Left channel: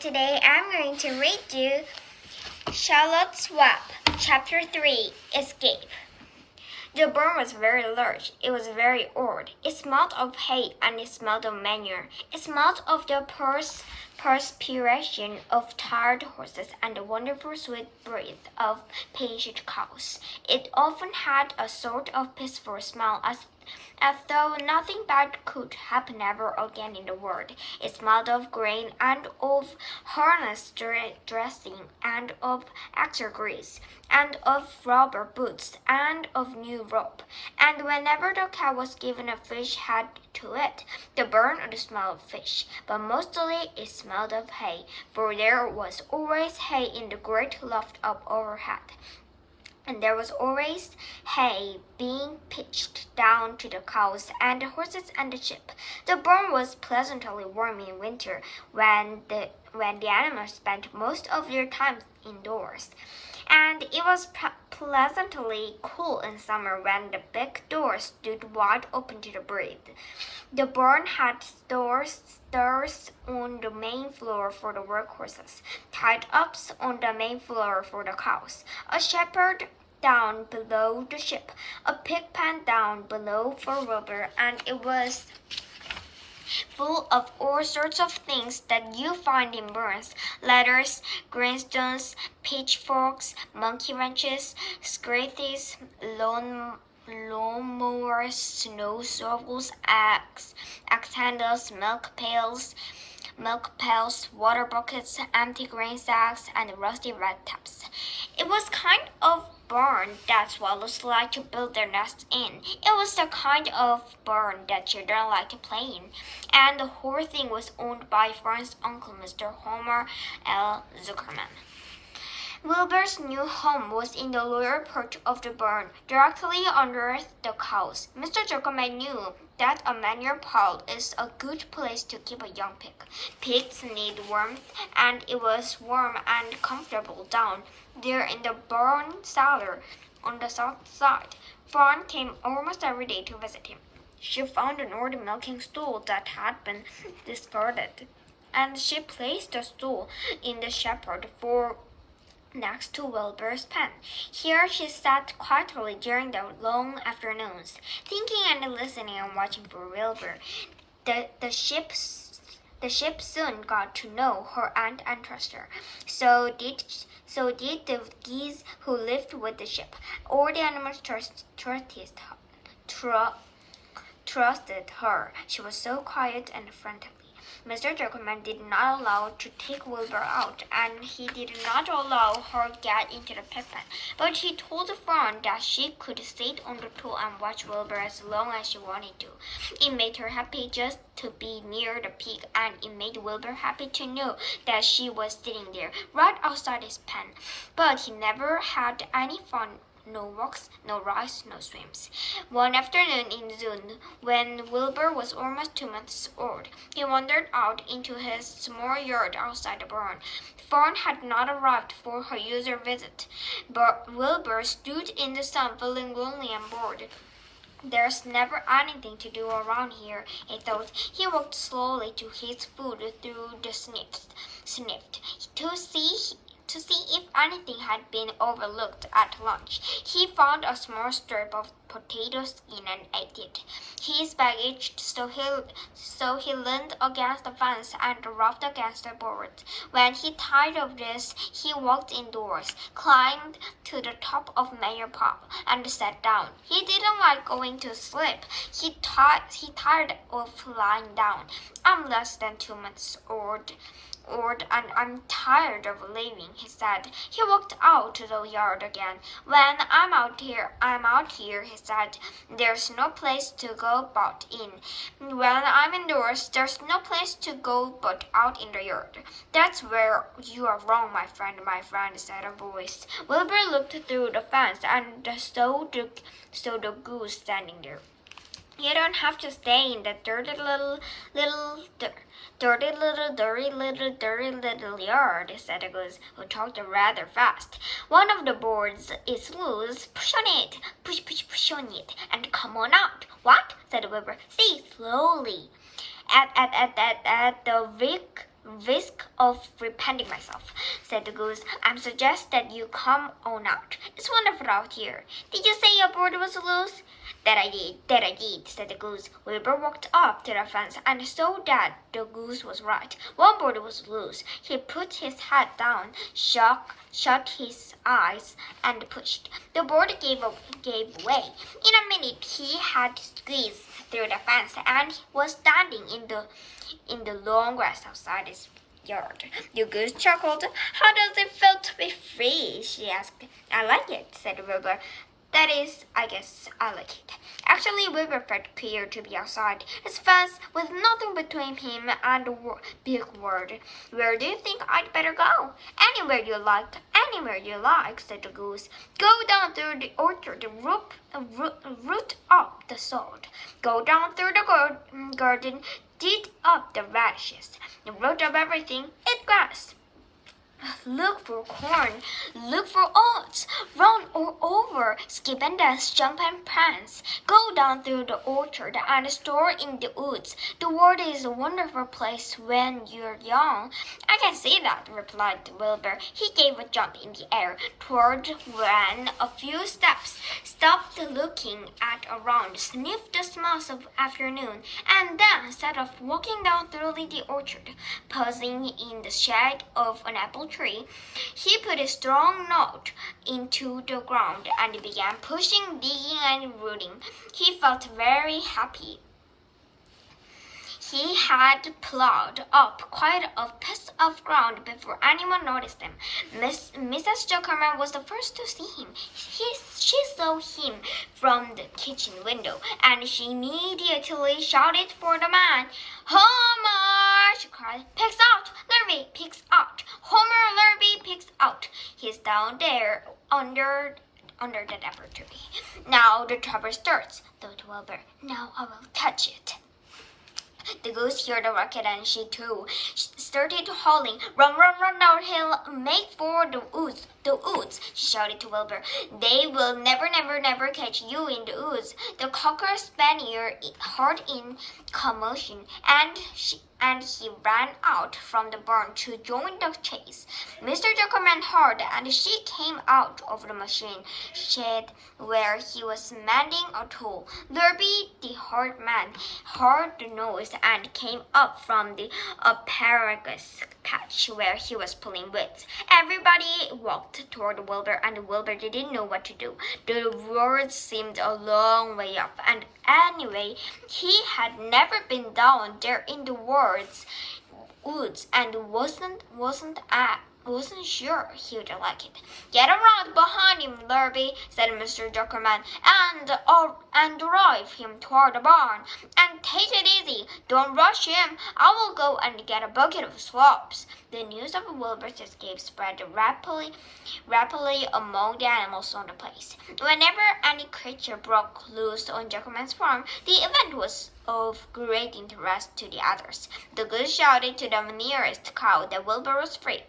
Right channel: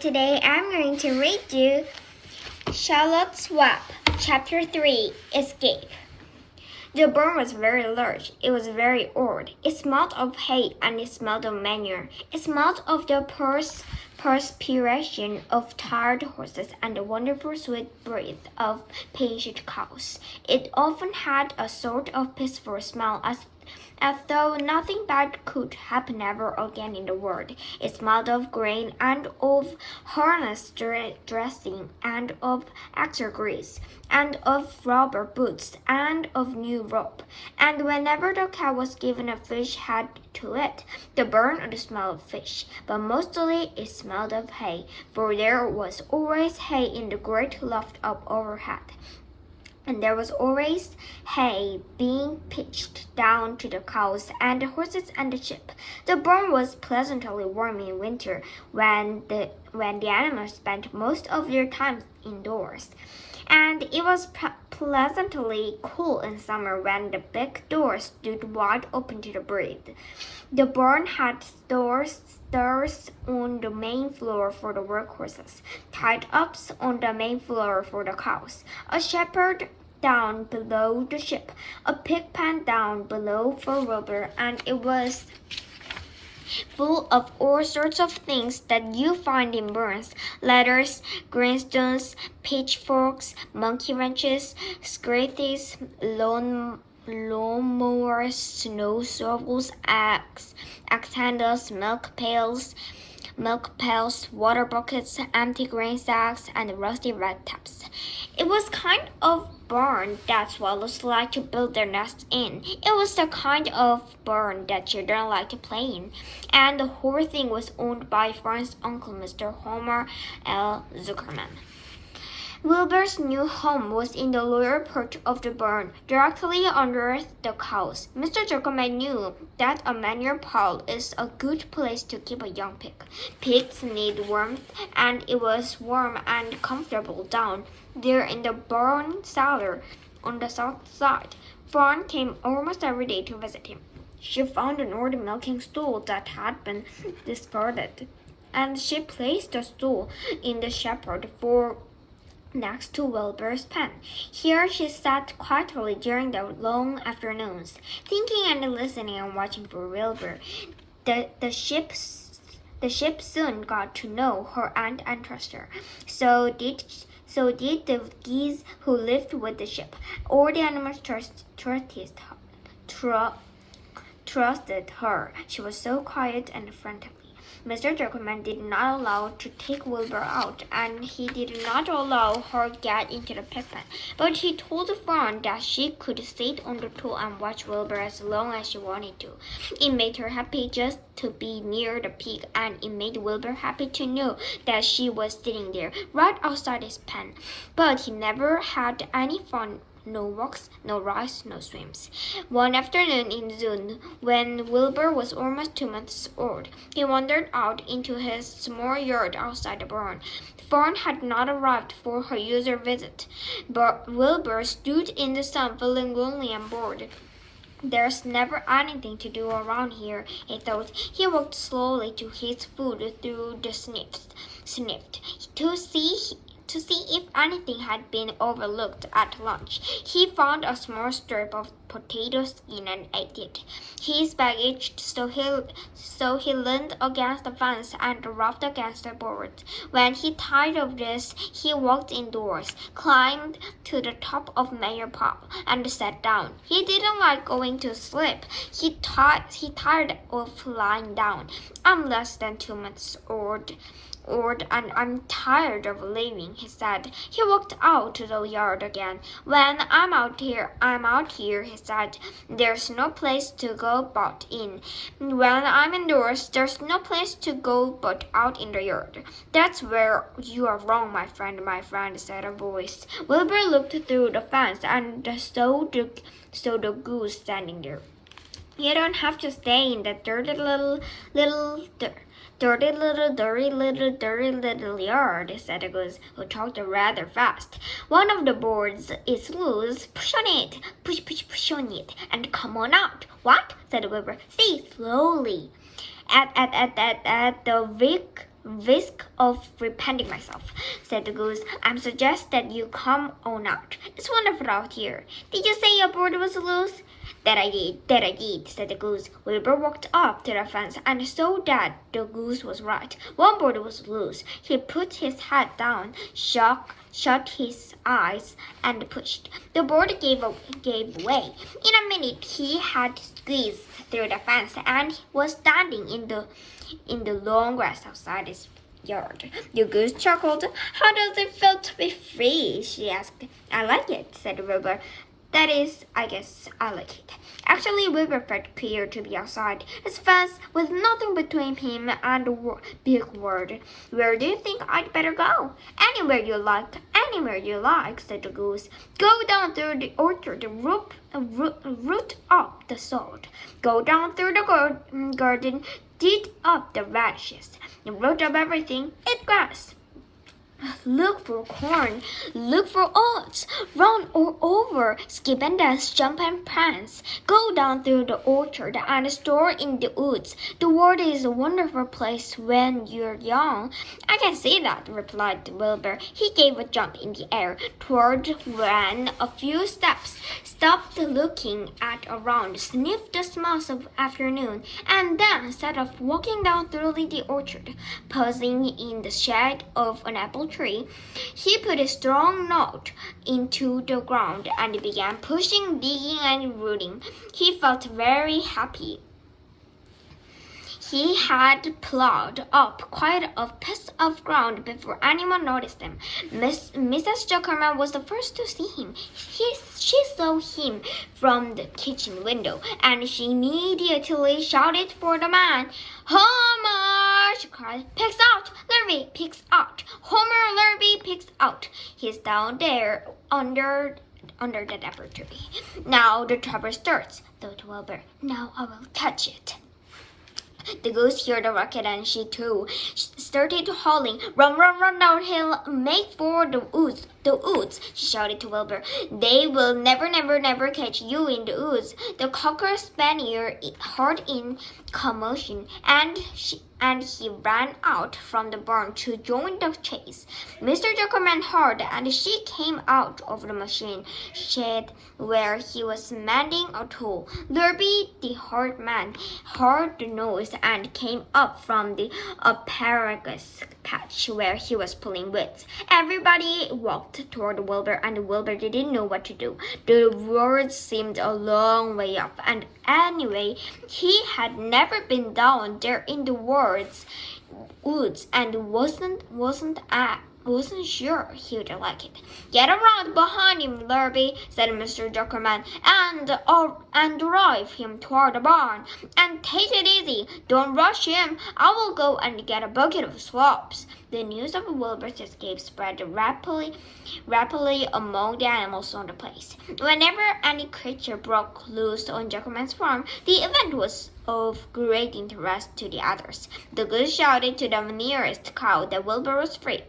today I'm going to read you Charlotte's Web, chapter 3, Escape. The barn was very large. It was very old. It smelled of hay and it smelled of manure. It smelled of the perspiration of tired horses and the wonderful sweet breath of patient cows. It often had a sort of peaceful smell as though nothing bad could happen ever again in the world. It smelled of grain and of harness dressing and of extra grease and of rubber boots and of new rope. And whenever the cow was given a fish head to it, the barn would smell of fish. But mostly it smelled of hay, for there was always hay in the great loft up overhead. And there was always hay being pitched down to the cows and the horses and the sheep. The barn was pleasantly warm in winter when the animals spent most of their time indoors. And it was pleasantly cool in summer when the big door stood wide open to the breeze. The barn had stairs on the main floor for the workhorses, tied-ups on the main floor for the cows, a shepherd down below the sheep, a pig pen down below for Wilbur, and it was full of all sorts of things that you find in barns: ladders, grindstones, pitchforks, monkey wrenches, scythes, lawnmowers, snow shovels, axe handles, milk pails, water buckets, empty grain sacks, and rusty red taps. It was kind of barn that swallows like to build their nests in. It was the kind of barn that children like to play in. And the whole thing was owned by Fran's uncle, Mr. Homer L. Zuckerman. Wilbur's new home was in the lower part of the barn, directly under the cows. Mr. Zuckerman knew that a manure pile is a good place to keep a young pig. Pigs need warmth, and it was warm and comfortable down there in the barn cellar on the south side. Fran came almost every day to visit him. She found an old milking stool that had been discarded, and she placed the stool in the shepherd for next to Wilbur's pen. Here she sat quietly during the long afternoons, thinking and listening and watching for Wilbur. The sheep soon got to know her aunt and trust her. So did the geese who lived with the sheep. All the animals trusted her. She was so quiet and friendly. Mr. Zuckerman did not allow to take Wilbur out, and he did not allow her get into the pig pen. But he told Fran that she could sit on the tool and watch Wilbur as long as she wanted to. It made her happy just to be near the pig, and it made Wilbur happy to know that she was sitting there, right outside his pen. But he never had any fun. No walks, no rides, no swims. One afternoon in June, when Wilbur was almost 2 months old, he wandered out into his small yard outside the barn. Fran had not arrived for her usual visit, but Wilbur stood in the sun feeling lonely and bored. There's never anything to do around here, he thought. He walked slowly to his food through the sniffed to see if anything had been overlooked at lunch. He found a small strip of potato skin and ate it. His back itched, so he leaned against the fence and rubbed against the boards. When he tired of this, he walked indoors, climbed to the top of Mayor Pop, and sat down. He didn't like going to sleep. He tired of lying down. I'm less than 2 months old, and I'm tired of living, he said. He walked out to the yard again. When I'm out here, he said. There's no place to go but in. When I'm indoors, there's no place to go but out in the yard. That's where you are wrong, my friend, said a voice. Wilbur looked through the fence and saw the goose standing there. You don't have to stay in that dirty little yard, said the goose, who talked rather fast. One of the boards is loose. Push on it. Push on it, and come on out. What? Said Wilbur. Say slowly. At the risk of repenting myself, said the goose. I suggest that you come on out. It's wonderful out here. Did you say your bird was loose? That I did, said the goose. Wilbur walked up to the fence and saw that the goose was right. One bird was loose. He put his head down, shut his eyes, and pushed. The bird gave way. In a minute, he had squeezed through the fence and was standing in the long grass outside his yard. The goose chuckled. How does it feel to be free? She asked. I like it, said Wilbur. That is, I guess I like it. Actually, Wilbur felt queer to be outside his fence with nothing between him and the big world. Where do you think I'd better go? Anywhere you like, said the goose. Go down through the orchard, root up the sod. Go down through the garden, dig up the radishes, root up everything, eat grass. Look for corn, look for oats, run all over, skip and dance, jump and prance. Go down through the orchard and store in the woods. The world is a wonderful place when you're young. I can see that, replied Wilbur. He gave a jump in the air, ran a few steps, stopped looking around, sniffed the smells of afternoon, and then set off walking down through the orchard, pausing in the shade of an apple tree. He put a strong note into the ground and began pushing, digging, and rooting. He felt very happy. He had plowed up quite a piece of ground before anyone noticed him. Mrs. Zuckerman was the first to see him. She saw him from the kitchen window, and she immediately shouted for the man. Homer! She cried. Pigs out! Lurvy! Pigs out! Homer! Lurvy! Pigs out! He's down there under that apple tree. Now the trouble starts, thought Wilbur. Now I will catch it. The goose heard the rocket and she too started howling. Run, run, run downhill, make for the woods. The woods, she shouted to Wilbur. They will never, never, never catch you in the woods. The cocker spaniel heard in commotion, and he ran out from the barn to join the chase. Mr. Zuckerman heard, and she came out of the machine shed where he was mending a tool. Lurby, the hard man, heard the noise and came up from the asparagus patch where he was pulling weeds. Everybody walked toward Wilbur, and Wilbur didn't know what to do. The woods seemed a long way off, and anyway, he had never been down there in the woods and wasn't sure he would like it. Get around behind him, Lurby, said Mr. Zuckerman, and drive him toward the barn. And take it easy. Don't rush him. I will go and get a bucket of swabs. The news of Wilbur's escape spread rapidly among the animals on the place. Whenever any creature broke loose on Zuckerman's farm, the event was of great interest to the others. The goose shouted to the nearest cow that Wilbur was free.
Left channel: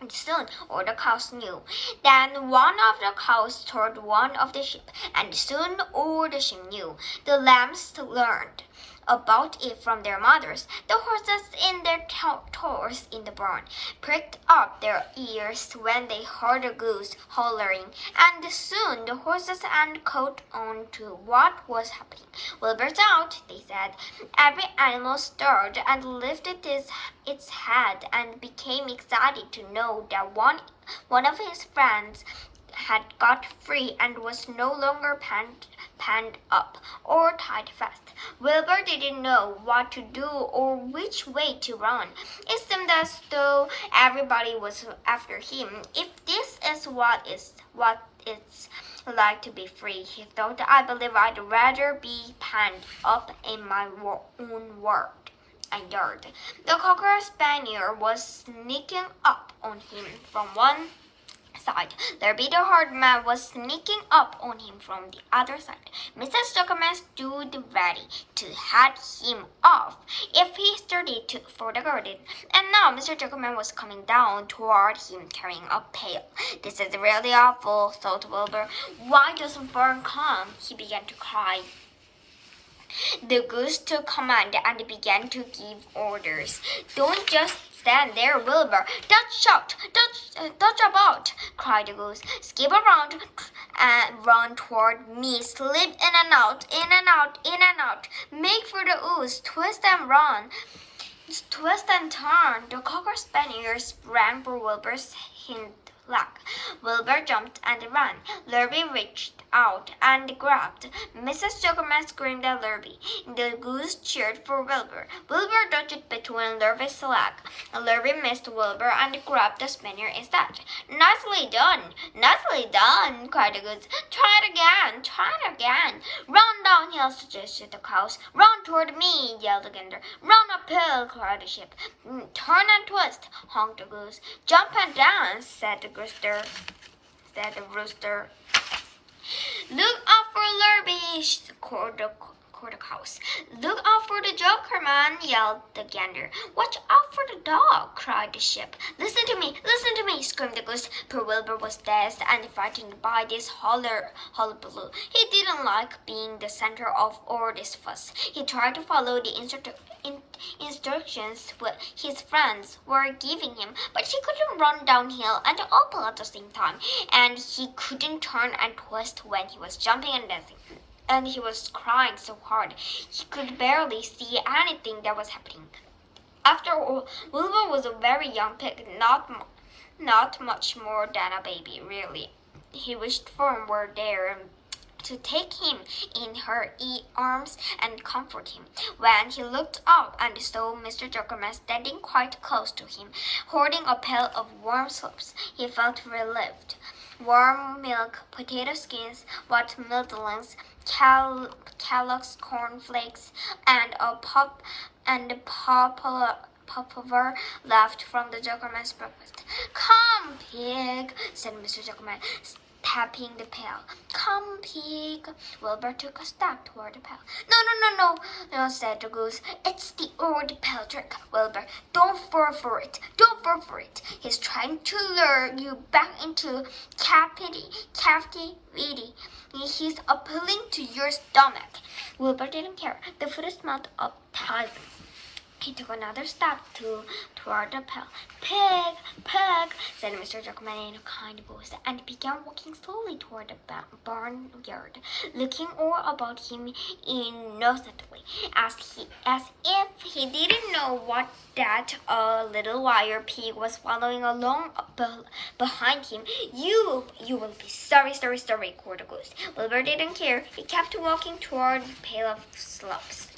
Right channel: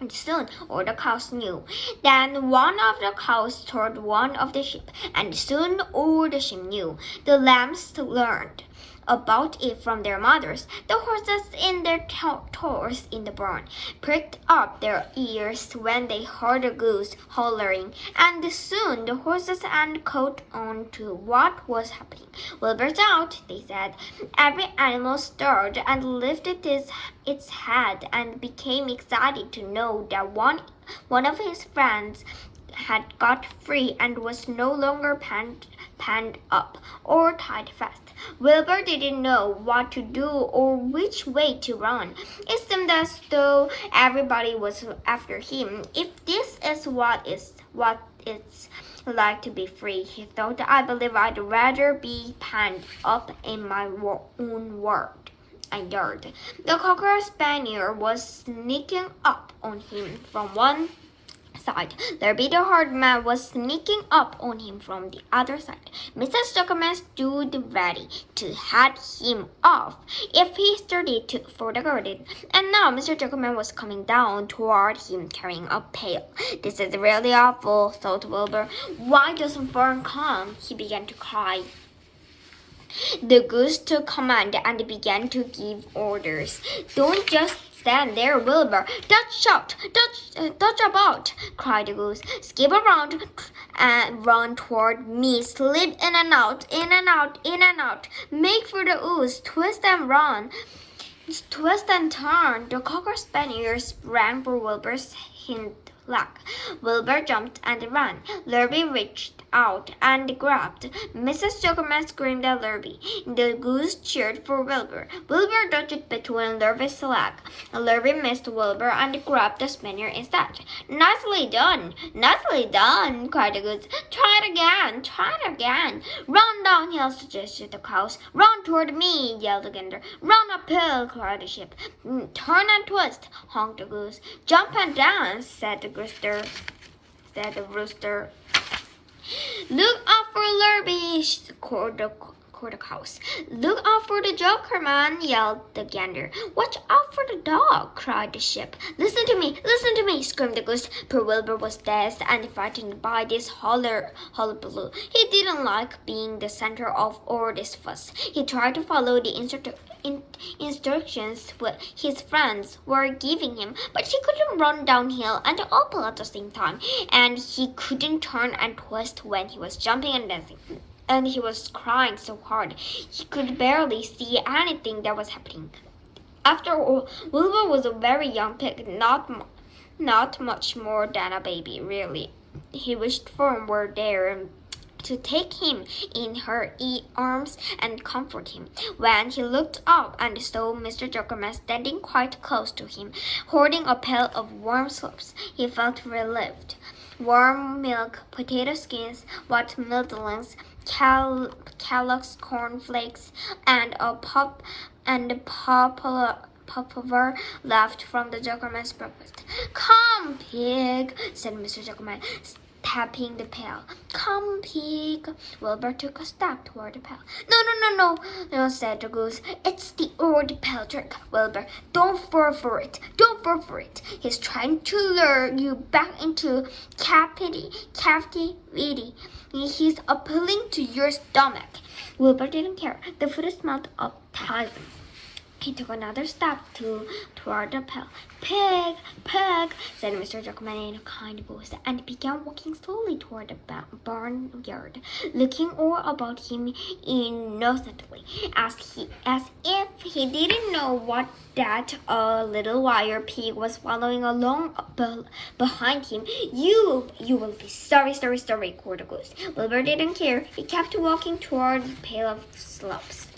And soon all the cows knew. Then one of the cows told one of the sheep, and soon all the sheep knew. The lambs learned about it from their mothers. The horses in their toes in the barn pricked up their ears when they heard the goose hollering, and soon the horses and caught on to what was happening. Wilbur's out, they said. Every animal stirred and lifted its head and became excited to know that one of his friends had got free and was no longer panned up or tied fast. Wilbur didn't know what to do or which way to run. It seemed as though everybody was after him. If this is what it's like to be free, he thought, I believe I'd rather be panned up in my own world. yard. The cocker spaniel was sneaking up on him from one side. Lurby the hard man was sneaking up on him from the other side. Mrs. Zuckerman stood ready to head him off if he started for the garden. And now Mr. Zuckerman was coming down toward him carrying a pail. This is really awful, thought Wilbur. Why doesn't Fern come? He began to cry. The goose took command and began to give orders. Don't just stand there, Wilbur. Dodge about, cried the goose. Skip around and run toward me. Slip in and out, in and out, in and out. Make for the ooze. Twist and run. Twist and turn. The cocker spaniels sprang for Wilbur's hind leg. Wilbur jumped and ran. Lurby reached out and grabbed. Mrs. Jokerman screamed at Lurby. The goose cheered for Wilbur. Wilbur dodged between Lurby's legs. Lurby missed Wilbur and grabbed the spaniel instead. Nicely done! Nicely done! Cried the goose. Try it again! Try it again! Run downhill, suggested the cows. Run toward me! Yelled the gander. Run uphill! Cried the sheep. Turn and twist! Honked the goose. Jump and dance! Said the rooster. Look out for Lurby, called the cows. Look out for the Jokerman, yelled the gander. Watch out for the dog, cried the sheep. Listen to me, screamed the goose. Poor Wilbur was dazed and frightened by this hullabaloo. He didn't like being the center of all this fuss. He tried to follow the instructions his friends were giving him, but he couldn't run downhill and up at the same time, and he couldn't turn and twist when he was jumping and dancing. And he was crying so hard he could barely see anything that was happening. After all, Wilbur was a very young pig, not much more than a baby, really. He wished Fern were there to take him in her arms and comfort him. When he looked up and saw Mr. Jokerman standing quite close to him, holding a pail of warm soups, he felt relieved. Warm milk, potato skins, watermelons, Kellogg's cornflakes, and a popover left from the Jokerman's breakfast. Come, pig, said Mr. Jokerman, tapping the pail. Come, pig. Wilbur took a step toward the pail. No, said the goose. It's the old pail trick, Wilbur. Don't fall for it. He's trying to lure you back into captivity. He's appealing to your stomach. Wilbur didn't care. The food smelled appetizing. He took another step toward the pail. Pig, said Mr. Jokerman in a kind voice, and began walking slowly toward the barnyard, looking all about him innocently, as if he didn't know that a little wire pig was following along behind him. You will be sorry, called the goose. Wilbur didn't care. He kept walking toward the pail of slops.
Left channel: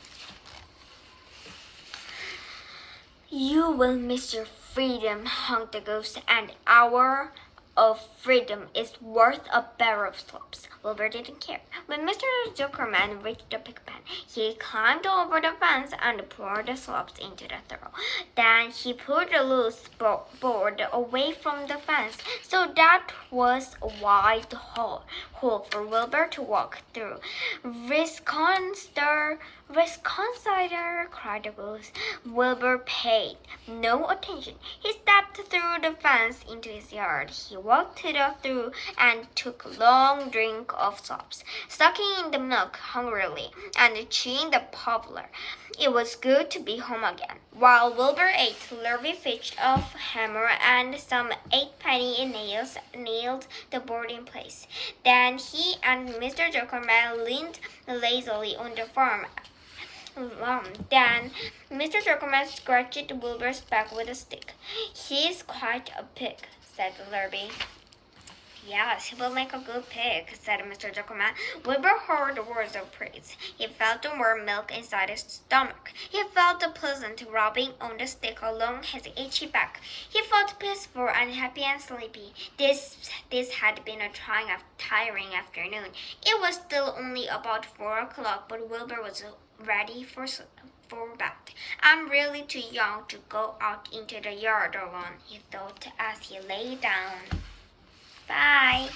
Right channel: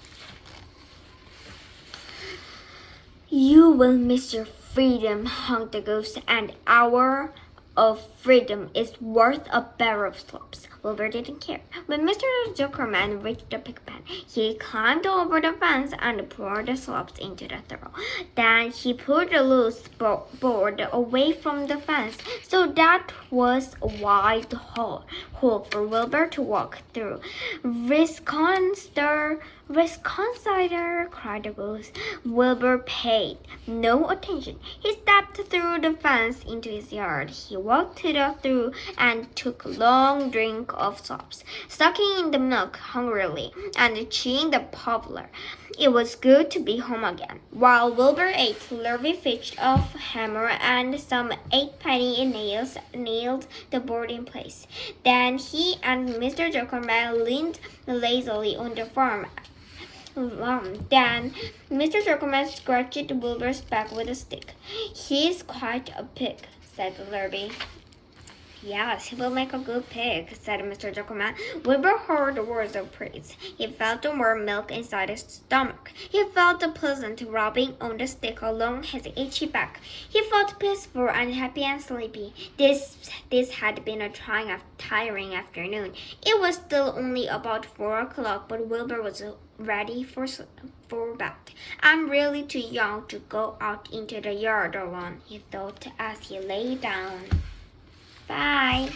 You will miss your freedom, honked the goose. An hour of freedom is worth a barrel of slops. Wilbur didn't care. When Mr. Jokerman reached the pig pen, he climbed over the fence and poured the slops into the trough. Then he pulled the loose board away from the fence, so that was a wide hole for Wilbur to walk through. Wisconsin, cried the goose. Wilbur paid no attention. He stepped through the fence into his yard. He walked to the trough and took a long drink of slops, sucking in the milk hungrily and chewing the poplar. It was good to be home again. While Wilbur ate, Lurby fetched a hammer and some 8-penny nails nailed the board in place. Then he and Mr. Jokerman leaned lazily on the farm. Then Mr. Jokerman scratched Wilbur's back with a stick. He's quite a pig, said Lurby. Yes, he will make a good pig, said Mr. Jokerman. Wilbur heard words of praise. He felt the warm milk inside his stomach. He felt the pleasant rubbing on the stick along his itchy back. He felt peaceful and happy and sleepy. This had been a tiring afternoon. It was still only about 4 o'clock, but Wilbur was ready for bed. I'm really too young to go out into the yard alone, he thought as he lay down. Bye.